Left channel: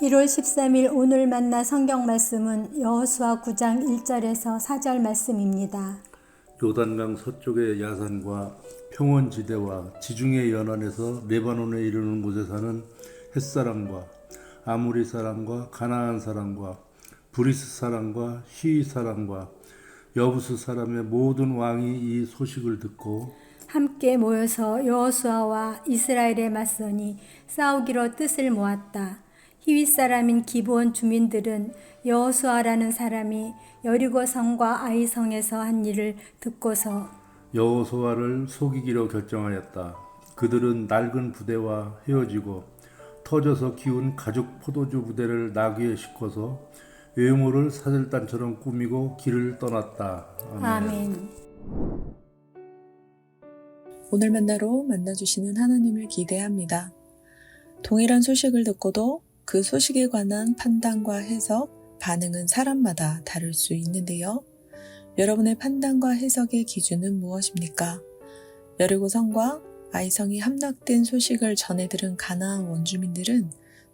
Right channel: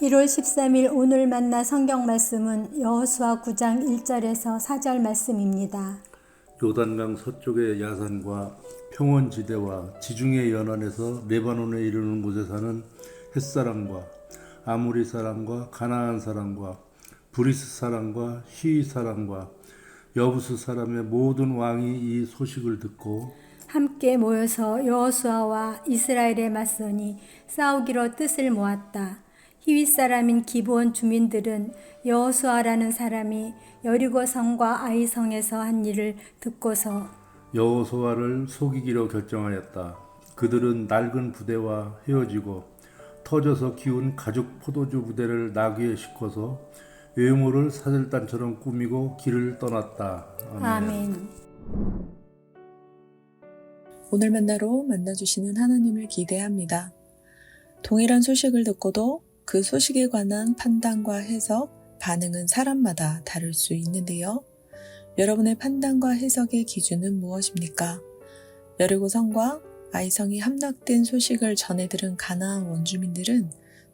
1월 13일 오늘 만나 성경 말씀은 여호수아 9장 1절에서 4절 말씀입니다. 요단강 서쪽의 야산과 평원지대와 지중해 연안에서 레바논에 이르는 곳에 사는 햇사람과 아모리 사람과 가나안 사람과 브리스 사람과 히위 사람과 여부스 사람의 모든 왕이 이 소식을 듣고 함께 모여서 여호수아와 이스라엘에 맞서니 싸우기로 뜻을 모았다. 히윗 사람인 기브온 주민들은 여호수아라는 사람이 여리고 성과 아이 성에서 한 일을 듣고서 여호수아를 속이기로 결정하였다. 그들은 낡은 부대와 헤어지고 터져서 기운 가죽 포도주 부대를 나귀에 싣고서 외모를 사절단처럼 꾸미고 길을 떠났다. 아멘. 아멘. 오늘 만나로 만나주시는 하나님을 기대합니다. 동일한 소식을 듣고도 그 소식에 관한 판단과 해석, 반응은 사람마다 다를 수 있는데요. 여러분의 판단과 해석의 기준은 무엇입니까? 여리고성과 아이성이 함락된 소식을 전해 들은 가나안 원주민들은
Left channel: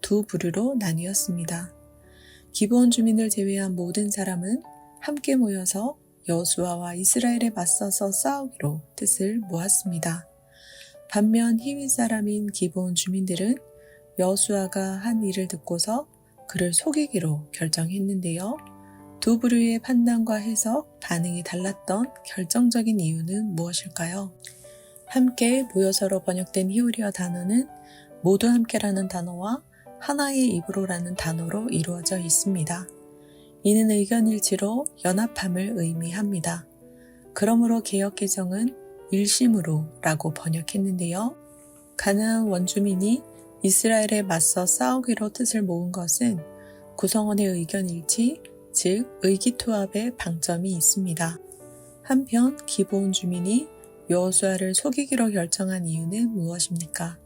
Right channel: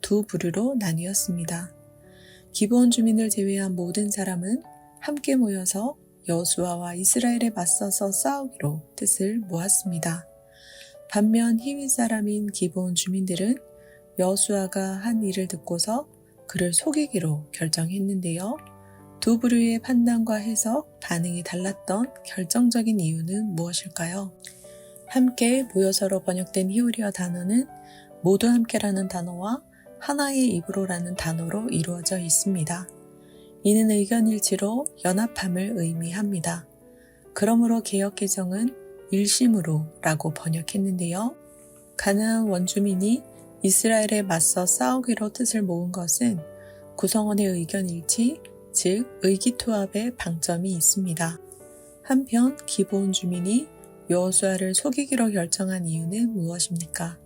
두 부류로 나뉘었습니다. 기브온 주민을 제외한 모든 사람은 함께 모여서 여호수아와 이스라엘에 맞서서 싸우기로 뜻을 모았습니다. 반면 히윗 사람인 기브온 주민들은 여호수아가 한 일을 듣고서 그를 속이기로 결정했는데요. 두 부류의 판단과 해석, 반응이 달랐던 결정적인 이유는 무엇일까요? 함께 모여서로 번역된 히브리어 단어는 모두 함께라는 단어와 하나의 입으로라는 단어로 이루어져 있습니다. 이는 의견일치로 연합함을 의미합니다. 그러므로 개역개정은 일심으로 라고 번역했는데요. 가나안 원주민이 이스라엘에 맞서 싸우기로 뜻을 모은 것은 구성원의 의견일치, 즉 의기투합의 방점이 있습니다. 한편 기브온 주민이 여호수아를 속이기로 결정한 이유는 무엇입니까?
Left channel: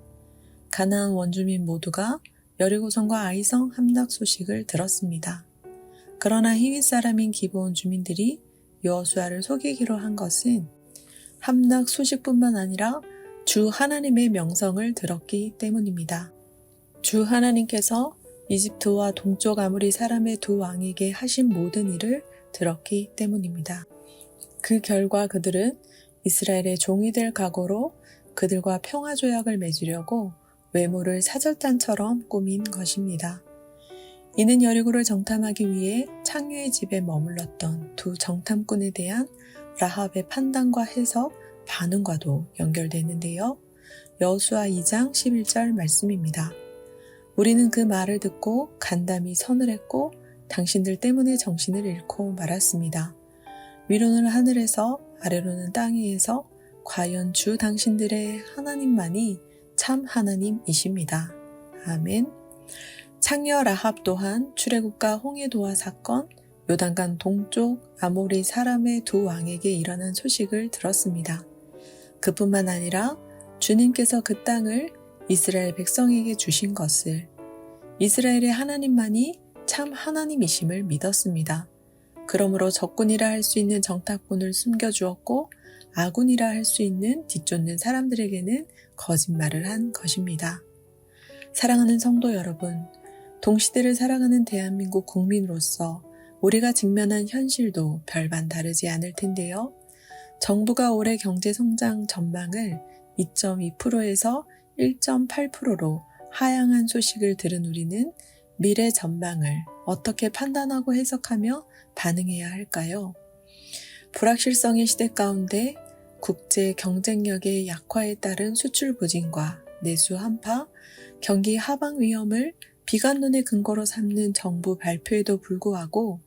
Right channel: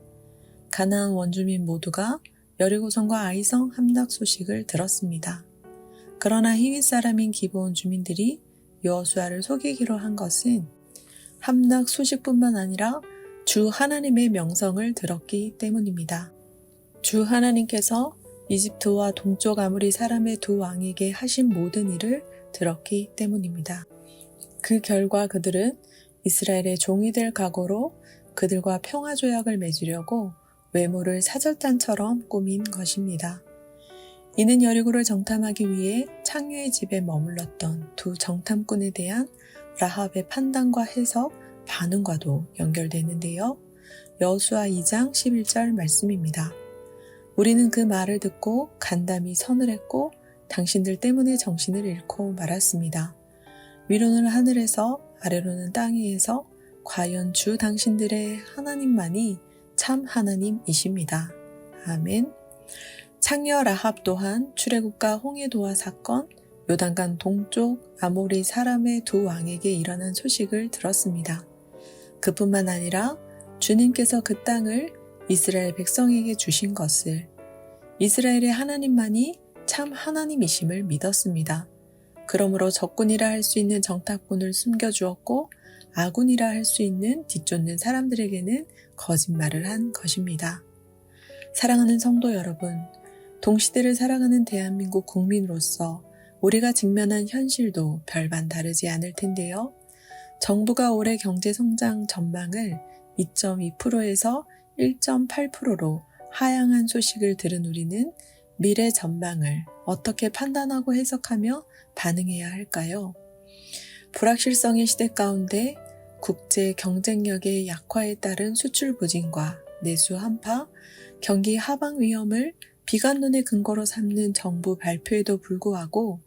가나안 원주민 모두가 여리고성과 아이성 함락 소식을 들었습니다. 그러나 히윗 사람인 기브온 주민들이 여호수아를 속이기로 한 것은 함락 소식뿐만 아니라 주 하나님의 명성을 들었기 때문입니다. 주 하나님께서 이집트와 동쪽 아모리 사람의 두 왕에게 하신 모든 일을 들었기 때문입니다. 그 결과 그들은 이스라엘의 종이 될 각오로 그들과 평화조약을 맺으려고 외모를 사절단처럼 꾸민 것입니다. 이는 여리고를 정탐하기 위해 창녀의 집에 머물렀던 두 정탐꾼에 대한 라합의 판단과 해석, 반응과도 연결되는데요. 여호수아 2장 11절 말씀입니다. 우리는 그 말을 듣고 간담이 선을 했고 당신들 때문에 정신을 잃고 말았습니다. 위로는 하늘에서 아래로는 땅 위에서 과연 주 당신들의 하나님만이 참 하나님이십니다. 아멘. 창녀 라합 또한 출애굽과 홍해도화 사건, 요단강 동쪽 아모리 사람의 두 왕에게 일어난 소식을 들었습니다. 그뿐만 아니라 주님께서 그 땅을 이스라엘 백성에게 주신 것을, 이스라엘의 하나님만이 참 하나님이심을 믿었습니다. 그러므로 적군이라 할 수 있는 정탐꾼을 숨겨주었고 아군이라 할 수 있는 뒤쫓는 사람들에게는 거짓말을 한 것입니다. 사랑하는 성도 여러분, 동시대를 살아가는 대한민국 국민으로서 우리가 직면한 현실도 별반 다르지 않을 텐데요. 정부가 올해 경제성장 전망을 2.2%에서 1.8%로 하향한 소식을 들은 우리는 미래 전망을 어떻게 판단하고 해석하며 반응해야 할까요? 불확실성의 시대 가운데 국제 경쟁력의 약화에 따른 수출 부진과 내수 한파, 경기 하방 위험을 비관론의 근거로 삼는 정부 발표에도 불구하고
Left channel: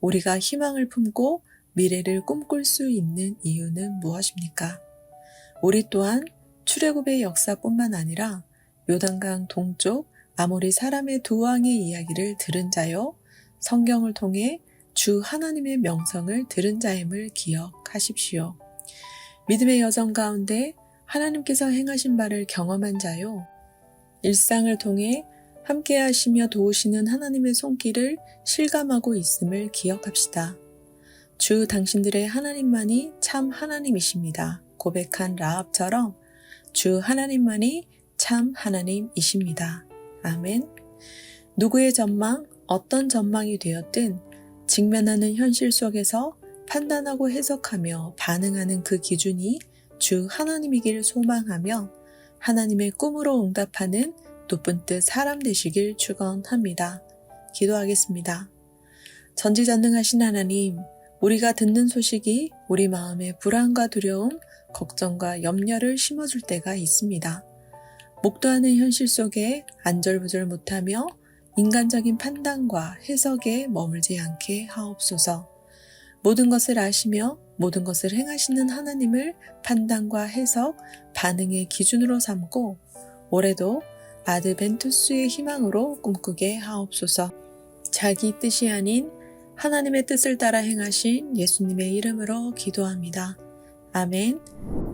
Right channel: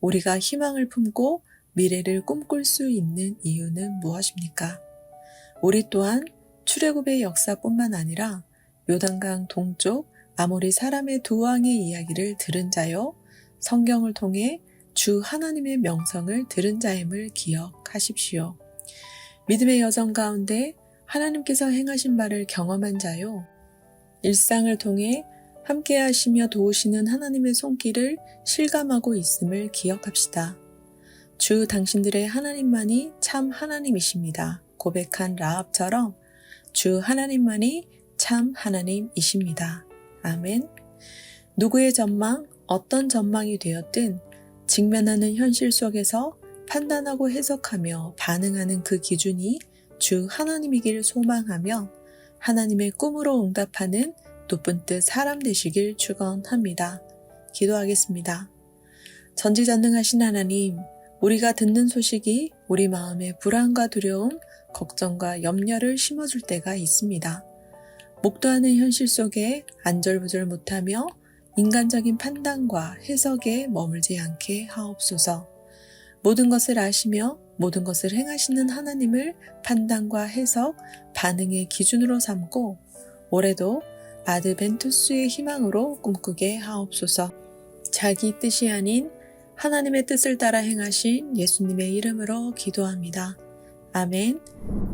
우리가 희망을 품고 미래를 꿈꿀 수 있는 이유는 무엇입니까? 우리 또한 출애굽의 역사뿐만 아니라 요단강 동쪽 아모리 사람의 두 왕의 이야기를 들은 자요, 성경을 통해 주 하나님의 명성을 들은 자임을 기억하십시오. 믿음의 여정 가운데 하나님께서 행하신 바를 경험한 자요, 일상을 통해 함께 하시며 도우시는 하나님의 손길을 실감하고 있음을 기억합시다. 주 당신들의 하나님만이 참 하나님이십니다. 고백한 라합처럼 주 하나님만이 참 하나님이십니다. 아멘. 누구의 전망, 어떤 전망이 되었든 직면하는 현실 속에서 판단하고 해석하며 반응하는 그 기준이 주 하나님이길 소망하며 하나님의 꿈으로 응답하는 높은 뜻 사람 되시길 축원합니다. 기도하겠습니다. 전지전능하신 하나님, 우리가 듣는 소식이 우리 마음에 불안과 두려움, 걱정과 염려를 심어줄 때가 있습니다. 목도하는 현실 속에 안절부절 못하며 인간적인 판단과 해석에 머물지 않게 하옵소서. 모든 것을 아시며 모든 것을 행하시는 하나님을 판단과 해석, 반응의 기준으로 삼고 올해도 아드벤투스의 희망으로 꿈꾸게 하옵소서. 자기 뜻이 아닌 하나님의 뜻을 따라 행하신 예수님의 이름으로 기도합니다. 아멘.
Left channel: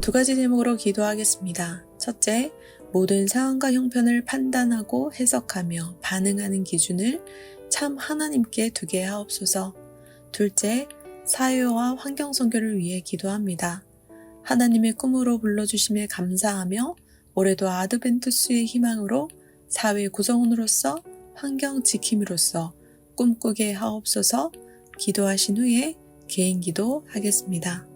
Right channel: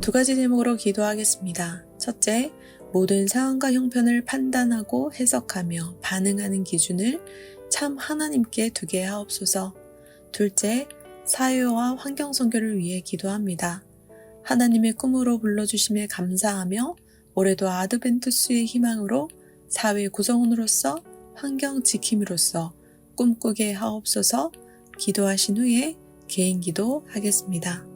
2가지 제목으로 기도하겠습니다. 첫째, 모든 상황과 형편을 판단하고 해석하며 반응하는 기준을 참 하나님께 두게 하옵소서. 둘째, 사회와 환경 선교를 위해 기도합니다. 하나님의 꿈으로 불러주심에 감사하며 올해도 아드벤투스의 희망으로 사회 구성원으로서 환경 지킴이로서 꿈꾸게 하옵소서. 기도하신 후에 개인 기도 하겠습니다.